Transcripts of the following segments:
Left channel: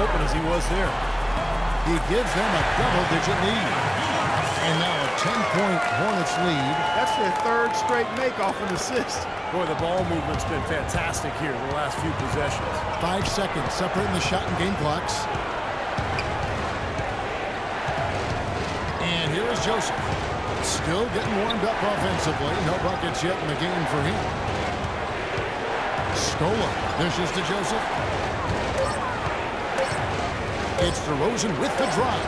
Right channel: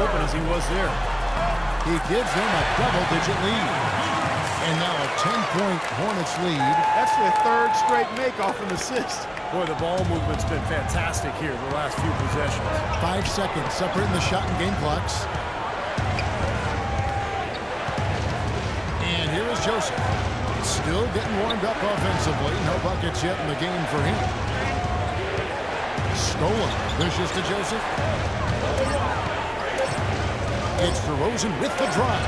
open as he was there. He gives them a double-digit lead. And now a 10-point Hornets lead. That's their third straight make off an assist. Boy, the ball movement's been fantastic here the last few possessions. 5 seconds separating the shot and game clocks. And here is Joseph. Still getting warmed up offensively. No buckets yet in the game for him. Scola dishes to Joseph. It's DeRozan with the drive.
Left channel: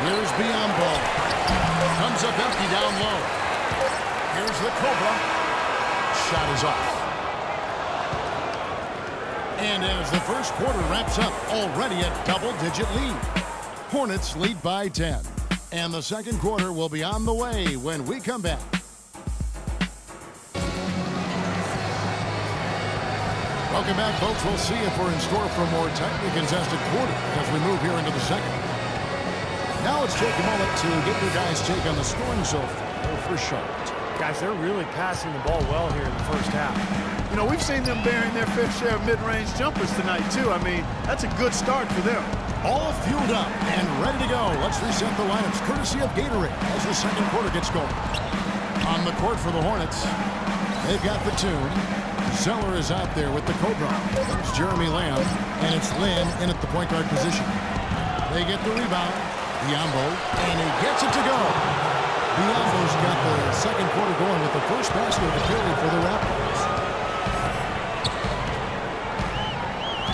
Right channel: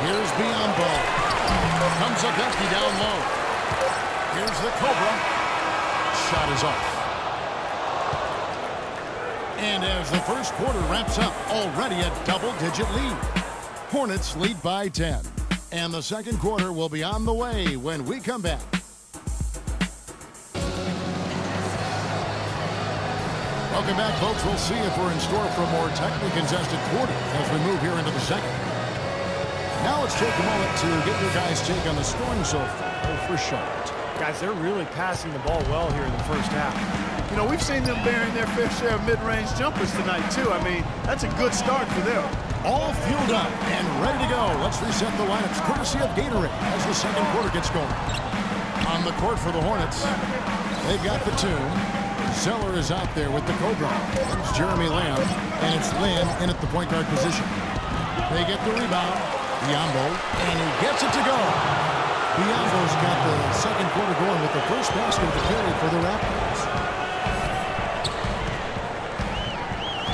Here's Biyombo. Comes up empty down low. Here's the Cobra. Shot is off. And as the first quarter wraps up, already a double-digit lead. Hornets lead by 10. And the second quarter will be on the way when we come back. Welcome back, folks. We'll see if we're in store for a more tightly contested quarter as we move here into the second. Now let's take a moment to get your guys' take on the scoring so far for Charlotte. Guys, they're really passing the ball well here in the first half. You know, we've seen them bearing their fair share of mid-range jumpers tonight, too. I mean, that's a good start for them. All fueled up and ready to go. Let's reset the lineups courtesy of Gatorade as the second quarter gets going. On the court for the Hornets, they've got Batum. Zeller is out there with the Cobra. There's Jeremy Lamb, and it's Lin in at the point guard position. They get the rebound. Biyombo, and he gets it to go. Biyombo's got the second quarter going with the first basket of the period for the Raptors.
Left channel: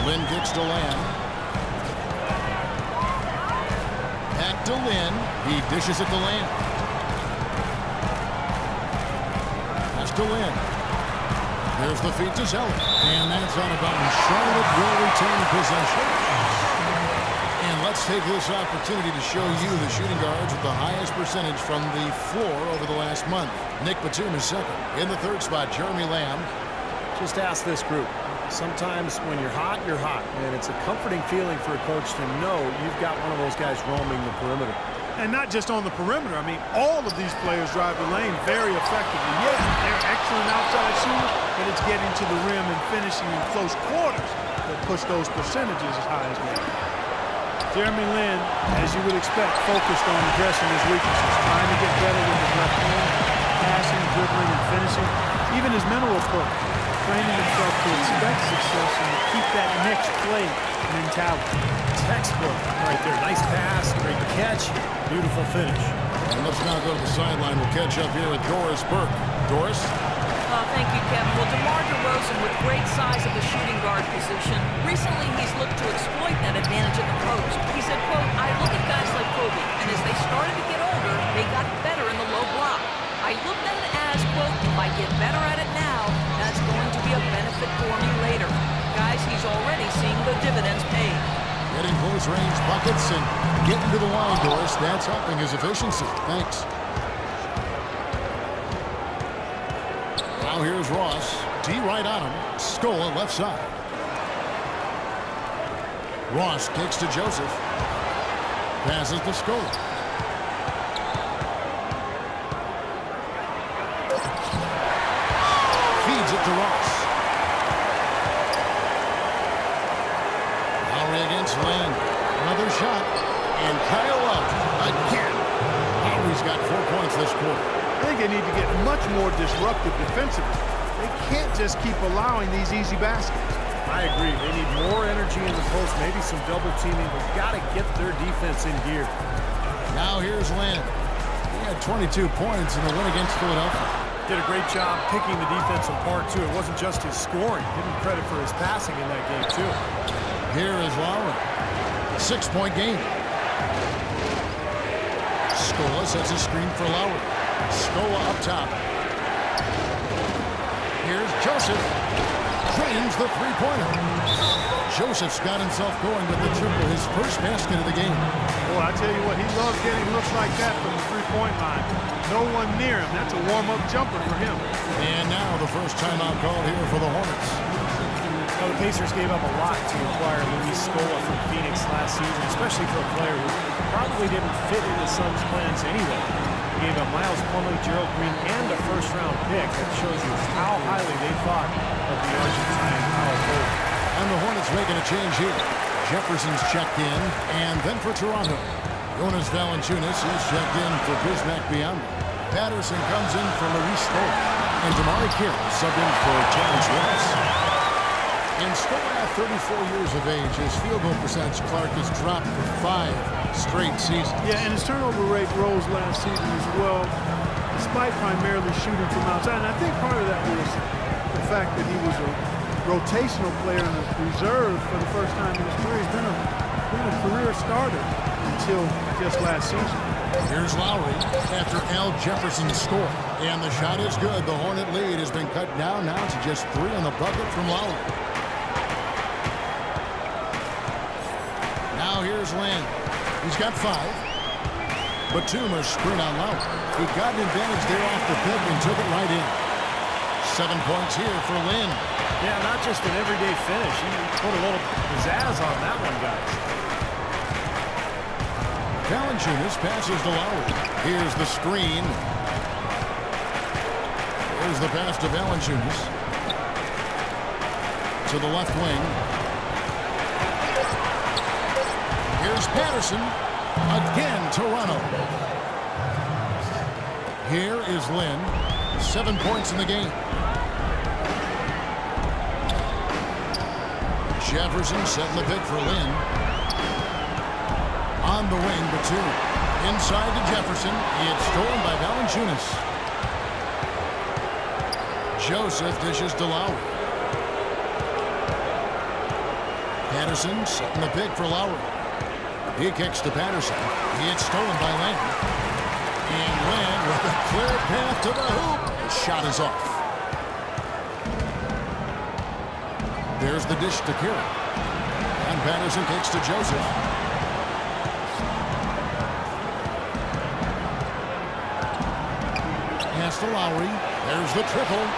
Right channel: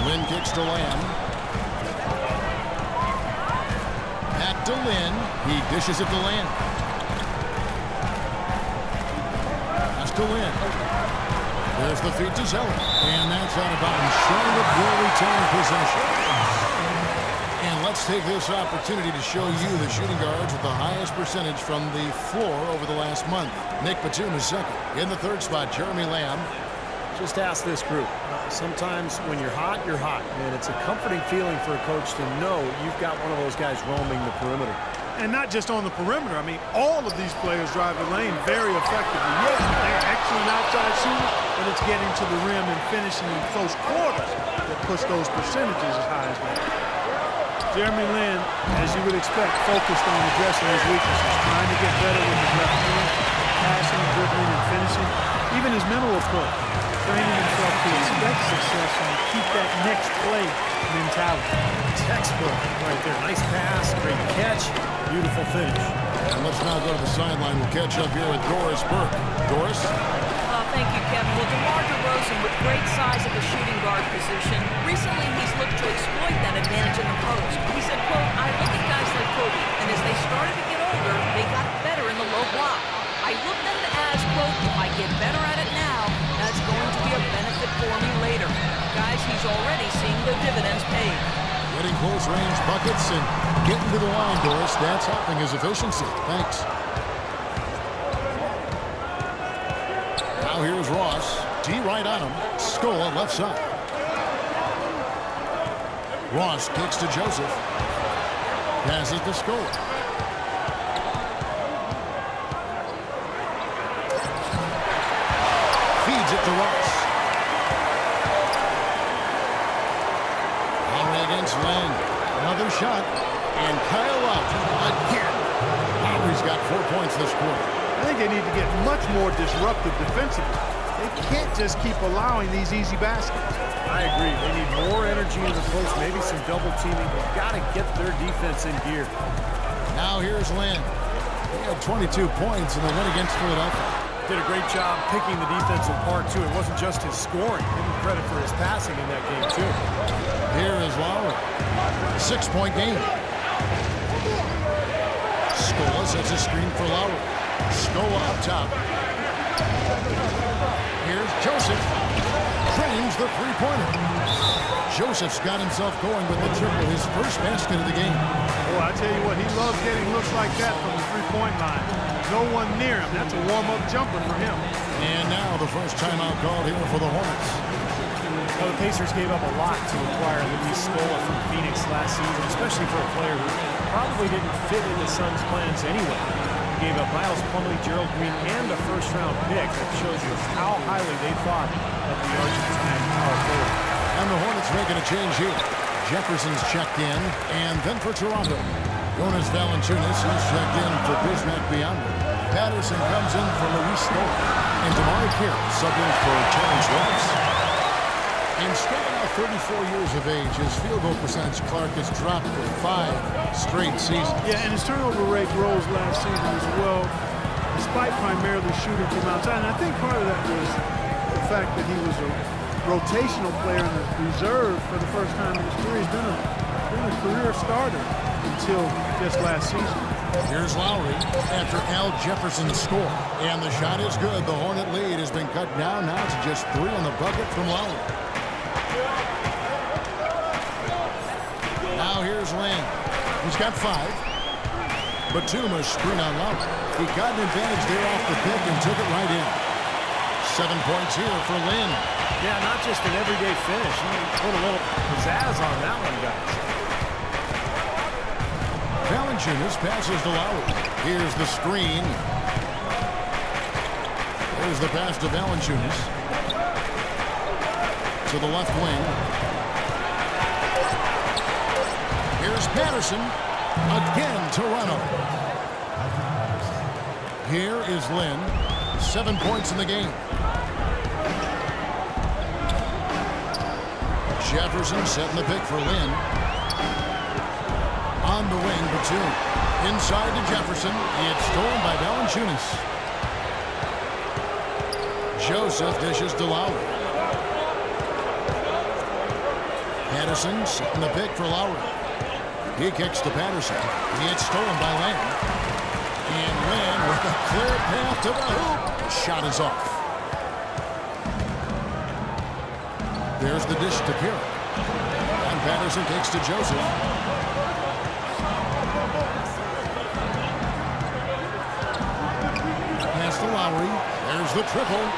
Lin kicks to Lamb. Back to Lin. He dishes it to Lamb. Pass to Lin. There's the feed to Zeller. And that's out of bounds. Charlotte will retain possession. And let's take this opportunity to show you the shooting guards with the highest percentage from the floor over the last month. Nick Batum is second. In the third spot, Jeremy Lamb. Just ask this group. Sometimes when you're hot, and it's a comforting feeling for a coach to know you've got one of those guys roaming the perimeter. And not just on the perimeter. I mean, all of these players drive the lane very effectively. Yeah, they're excellent outside shooters, but it's getting to the rim and finishing in close quarters that push those percentages as high as they are. Jeremy Lin, as you would expect, focused on addressing his weaknesses, trying to get better with his left hand, passing, dribbling, and finishing. Even his mental approach, training himself to expect success and keep that next play mentality. Textbook right there. Nice pass, great catch, beautiful finish. And let's now go to the sideline. We'll catch up here with Doris Burke. Doris? Thank you, Kevin. Well, DeMar DeRozan with great size at the shooting guard position. Recently, he's looked to exploit that advantage in the post. He said, quote, I look at guys like Kobe, and as they started to get older, they got better in the low block. I looked at it as, quote, if I get better at it now, that's going to be a benefit for me later. Guys, he's already seeing the dividends paid. Getting close range buckets and getting to the line, Doris. That's helping his efficiency. Thanks. Now here's Ross. D right on him. Scola left side. Ross kicks to Joseph. Passes to Scola. Feeds it to Ross. Lowry against Len. Another shot. And Kyle out again. Lowry's got 4 points this quarter. I think they need to get much more disruptive defensively. They can't just keep allowing these easy baskets. I agree. They need more energy in the post, maybe some double teaming. They've got to get their defense in gear. Now here's Len. He had 22 points in the win against Philadelphia. Did a great job picking the defense apart, too. It wasn't just his scoring. Give him credit for his passing in that game, too. Here is Lowry. 6-point game. Scola sets a screen for Lowry. Scola up top. Here's Joseph. Frames the three-pointer. Joseph's got himself going with the triple, his first basket of the game. Boy, I tell you what, he loves getting looks like that from the three-point line. No one near him. That's a warm-up jumper for him. And now the first timeout called here for the Hornets. Now, the Pacers gave up a lot to acquire Luis Scola from Phoenix last season, especially for a player who probably didn't fit into Suns' plans anyway. They gave up Miles Plumlee, Gerald Green, and a first-round pick. That shows you how highly they thought of the Argentine power forward. And the Hornets making a change here. Jefferson's checked in. And then for Toronto, Jonas Valanciunas, he's checked in for Bismack Biyombo. Patterson comes in for Luis Scola. And DeMarre Carroll subbed in for Terrence Ross. And Scola, now 34 years of age, his field goal percentage, Clark, has dropped for 5 straight seasons. Yeah, and his turnover rate rose last season as well, despite primarily shooting from outside. And I think part of that was the fact that he was a rotational player in the reserve for the first time in his career. He's been a career starter until just last season. Here's Lowry after Al Jefferson's score. And the shot is good. The Hornet lead has been cut down now to just 3 on the bucket from Lowry. Now here's Len. He's got 5. Batum a screen on Lowry. He got an advantage there off the pick and took it right in. 7 points here for Lynn. Yeah, not just an everyday finish. He put a little pizzazz on that one, guys. Valanciunas passes to Lowry. Here's the screen. There's the pass to Valanciunas. To the left wing. Here's Patterson. Again, Toronto. Here is Lynn. 7 points in the game. Jefferson setting the pick for Lynn. On the wing, Batum. Inside to Jefferson. It's stolen by Valanciunas. Joseph dishes to Lowry. Patterson setting the pick for Lowry. He kicks to Patterson. It's stolen by Len. And Len with a clear path to the hoop. The shot is off. There's the dish to Carroll. And Patterson kicks to Joseph. Pass to Lowry. There's the triple.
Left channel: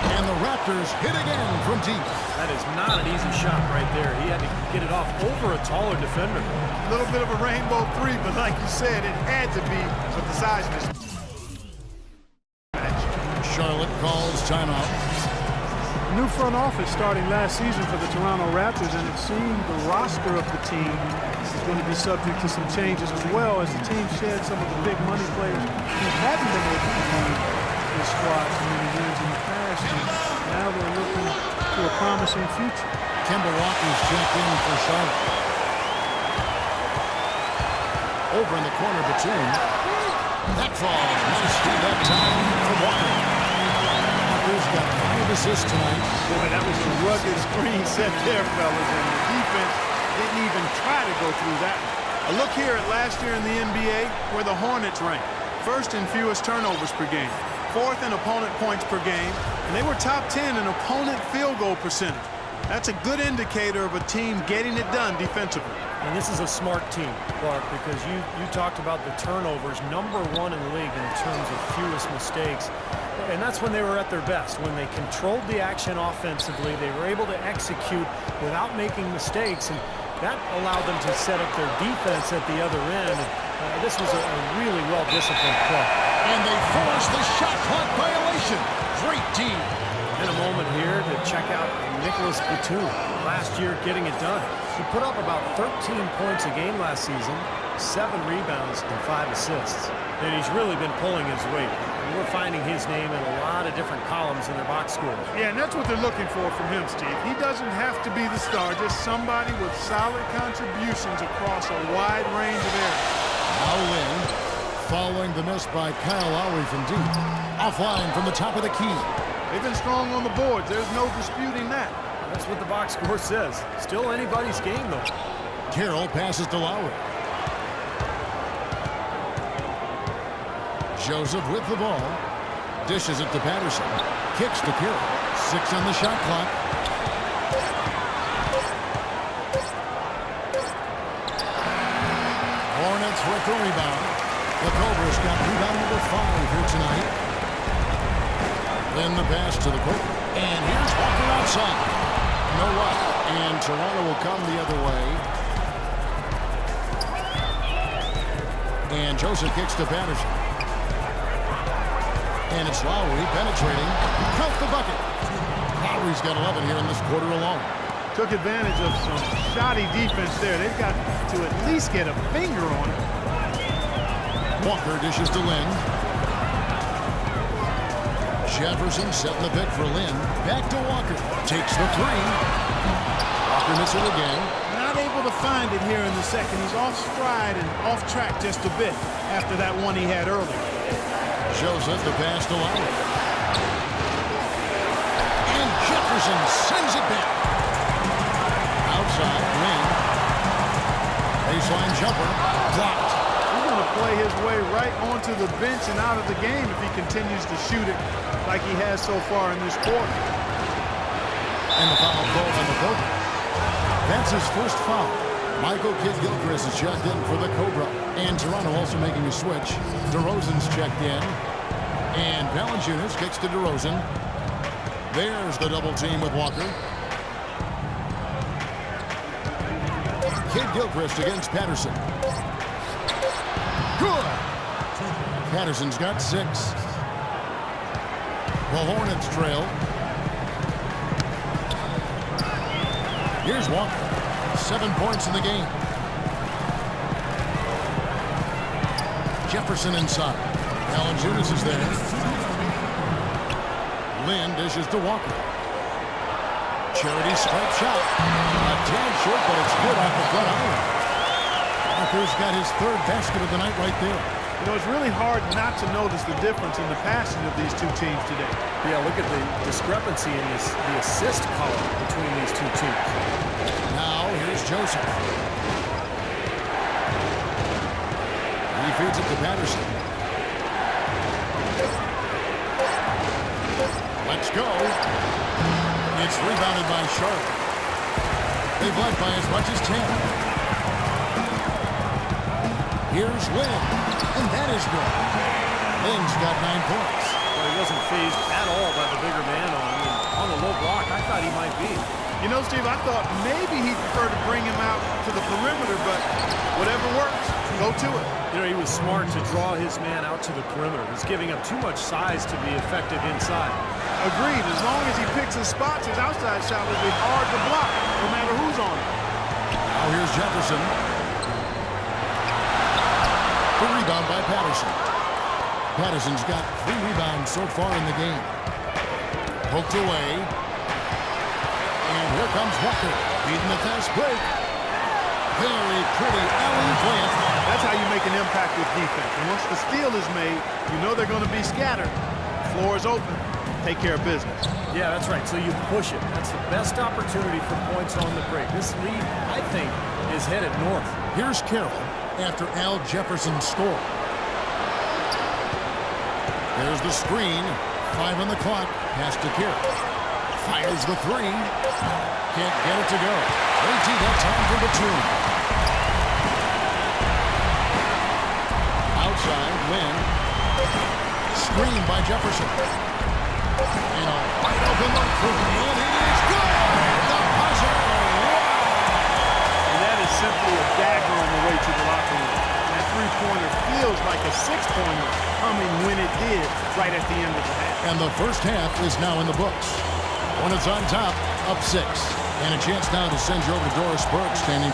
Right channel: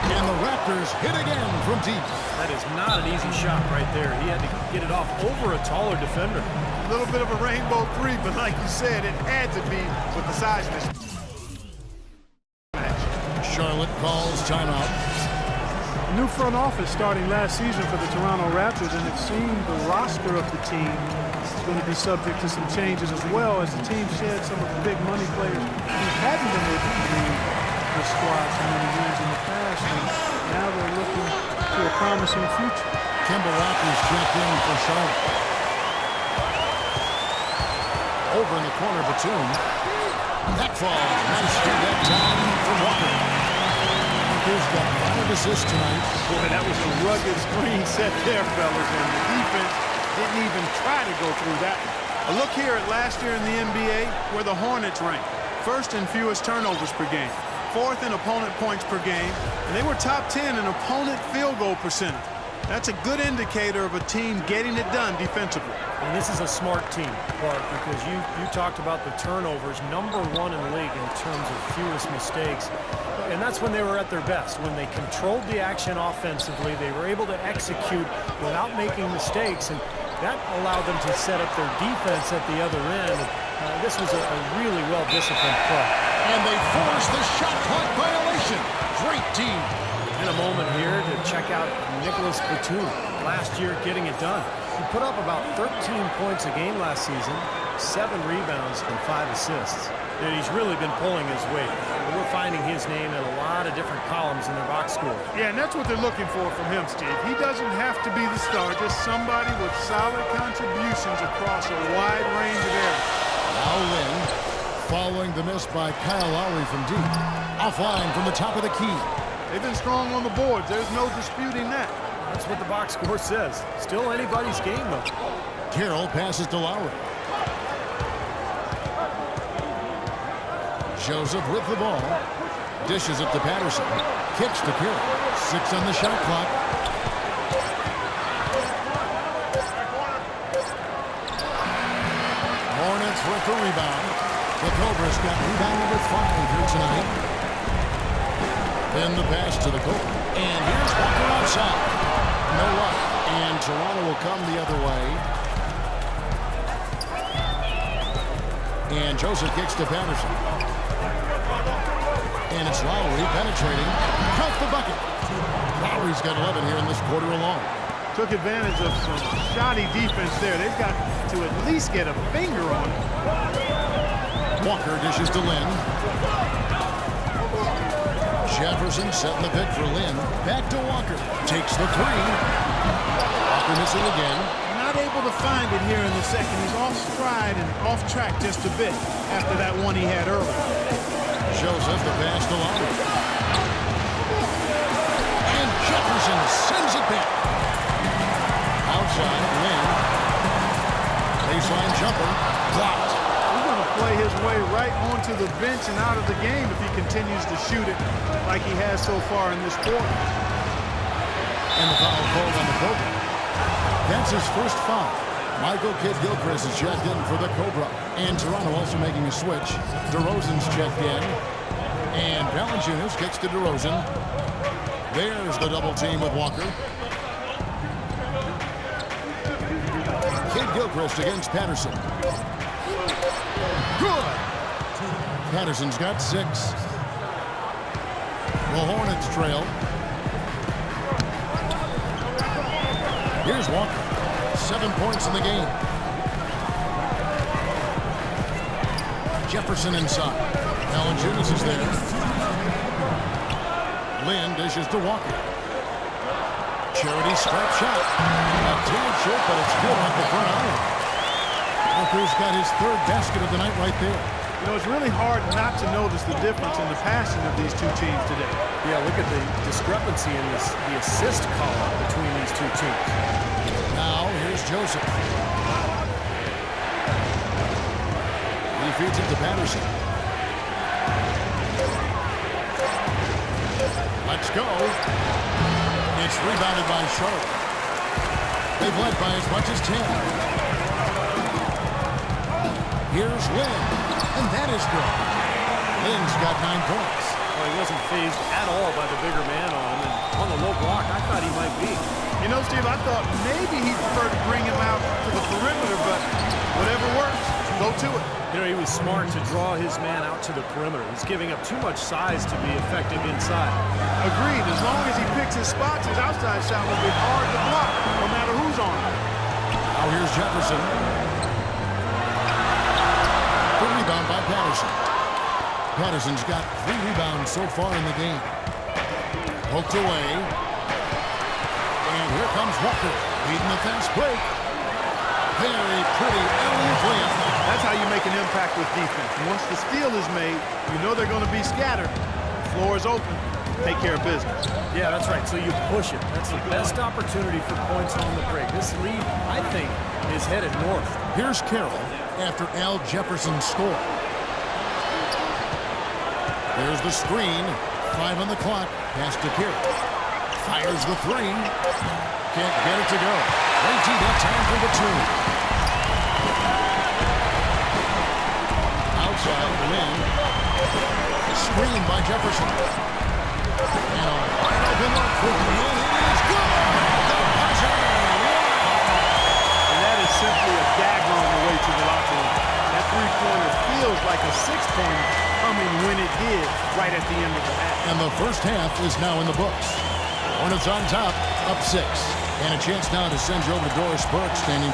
And the Raptors hit again from deep. That is not an easy shot right there. He had to get it off over a taller defender. A little bit of a rainbow 3, but like you said, it had to be with the size of this match. Charlotte calls timeout. A new front office starting last season for the Toronto Raptors, and it seemed the roster of the team is going to be subject to some changes as well as the team shed some of the big money players who hadn't been able to lead the squad to many wins in the past, and now they're looking to a promising future. Kemba Walker's checked in for Charlotte. Over in the corner, Batum. That falls. Nice feed that time from Walker. Walker's got 5 assists tonight. Boy, that was a rugged screen set there, fellas, and the defense didn't even try to go through that one. A look here at last year in the NBA, where the Hornets ranked. First in fewest turnovers per game. 4th in opponent points per game, and they were top 10 in opponent field goal percentage. That's a good indicator of a team getting it done defensively. And this is a smart team, Clark, because you talked about the turnovers, #1 in the league in terms of fewest mistakes. And that's when they were at their best. When they controlled the action offensively, they were able to execute without making mistakes, and that allowed them to set up their defense at the other end. And, this was a really well-disciplined play. And they force the shot clock violation. Great team. And a moment here to check out Nicholas Batum. Last year getting it done. He put up about 13 points a game last season, 7 rebounds and 5 assists. And he's really been pulling his weight. We're finding his name in a lot of different columns in their box scores. Yeah, and that's what they're looking for from him, Steve. He doesn't have to be the star, just somebody with solid contributions across a wide range of areas. Now Lynn, following the miss by Kyle Lowry from deep. Offline from the top of the key. They've been strong on the boards. There's no disputing that. That's what the box score says. Still anybody's game, though. Carroll passes to Lowry. Joseph with the ball. Dishes it to Patterson. Kicks to Carroll. 6 on the shot clock. Hornets with the rebound. The Cobras got rebound number 5 here tonight. Then the pass to the Cobra. And here's Walker outside. No luck. And Toronto will come the other way. And Joseph kicks to Patterson. And it's Lowry penetrating. Count the bucket. Lowry's got 11 here in this quarter alone. Took advantage of some shoddy defense there. They've got to at least get a finger on it. Walker dishes to Lynn. Jefferson setting the pick for Lynn. Back to Walker. Takes the three. Walker missing again. Not able to find it here in the second. He's off stride and off track just a bit after that one he had earlier. Joseph the pass to Lowry. And Jefferson sends it back. Outside, Lynn. Baseline jumper. Blocked. He's going to play his way right onto the bench and out of the game if he continues to shoot it like he has so far in this quarter. And the foul called on the Cobra. That's his first foul. Michael Kidd-Gilchrist is checked in for the Cobra. And Toronto also making a switch. DeRozan's checked in. And Valanciunas kicks to DeRozan. There's the double team with Walker. Kidd-Gilchrist against Patterson. Good. Patterson's got 6. The Hornets trail. Here's Walker. 7 points in the game. Jefferson inside. Valanciunas is there. Lynn dishes to Walker. Charity stripe shot. A tad short, but it's good off the front iron. Walker's got his 3rd basket of the night right there. You know, it's really hard not to notice the difference in the passing of these two teams today. Yeah, look at the discrepancy in the assist column between these two teams. Now, here's Joseph. He feeds it to Patterson. Let's go. It's rebounded by Charlotte. They've led by as much as 10. Here's Lynn, and that is good. Lynn's got 9 points. Well, he wasn't phased at all by the bigger man on him, and on the low block, I thought he might be. You know, Steve, I thought maybe he'd prefer to bring him out to the perimeter, but whatever works, go to it. You know, he was smart to draw his man out to the perimeter. He's giving up too much size to be effective inside. Agreed. As long as he picks his spots, his outside shot will be hard to block, no matter who's on him. Now here's Jefferson. The rebound by Patterson. Patterson's got 3 rebounds so far in the game. Poked away. And here comes Walker, leading the fast break. Very pretty alley-oop layup. That's how you make an impact with defense. And once the steal is made, you know they're going to be scattered. The floor is open. Take care of business. Yeah, that's right. So you push it. That's the best opportunity for points on the break. This lead, I think, is headed north. Here's Carroll after Al Jefferson's score. There's the screen. 5 on the clock. Pass to Carroll. Fires the 3. Can't get it to go. Great D that time for Batum. Outside, Lynn. Screen by Jefferson. And a wide open look for Lynn. It is good! The buzzer! Wow! And that is simply a dagger on the way to the locker room. That three-pointer feels like a 6-pointer coming when it did right at the end of the half. And the first half is now in the books. Hornets on top, up 6. And a chance now to send you over to Doris Burke, standing